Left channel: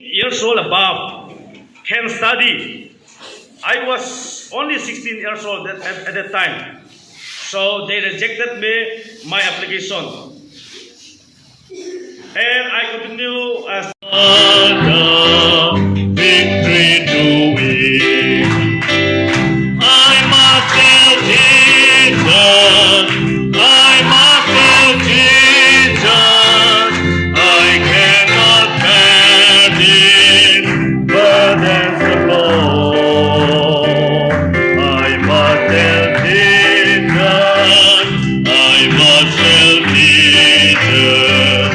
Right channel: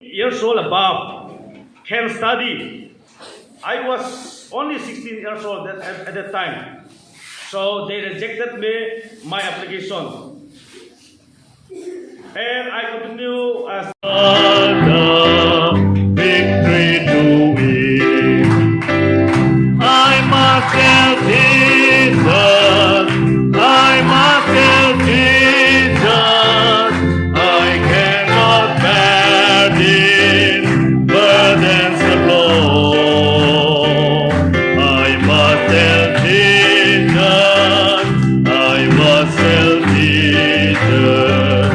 years old above can study. I was only 16 years old at that time. So they rejected me, my application. And I continue as victory to me. I must tell Jesus, I must tell Jesus, I cannot bear these burdens alone. I must tell Jesus, I must tell Jesus,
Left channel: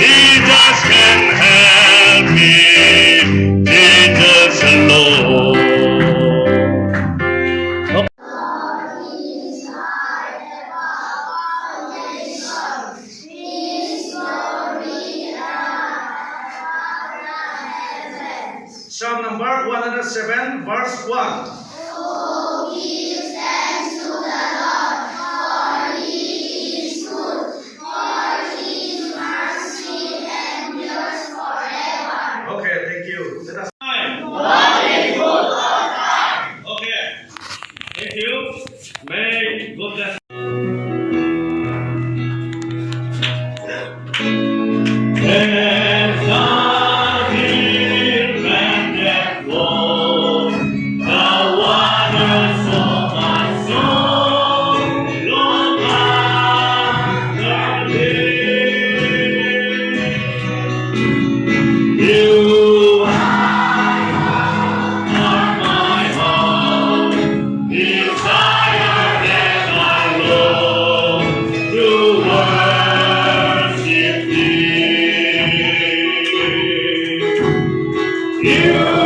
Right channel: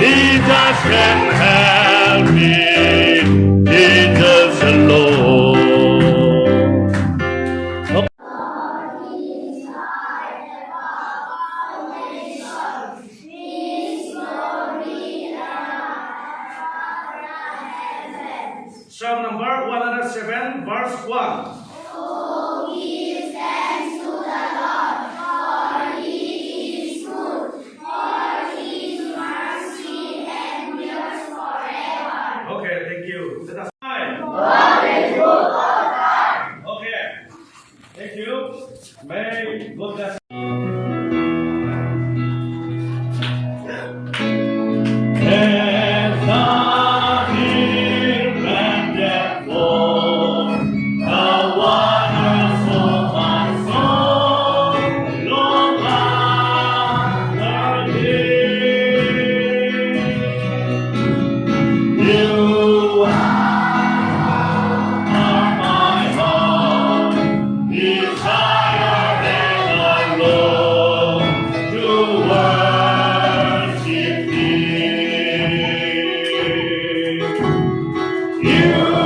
Jesus can help me, Jesus alone. Psalm number 107, verse 1. Okay, thank you. Let us Okay, thank you. May God bless. There's nothing left for the waters of my soul, Lord, after you are my heart, desire and my love to worship thee. You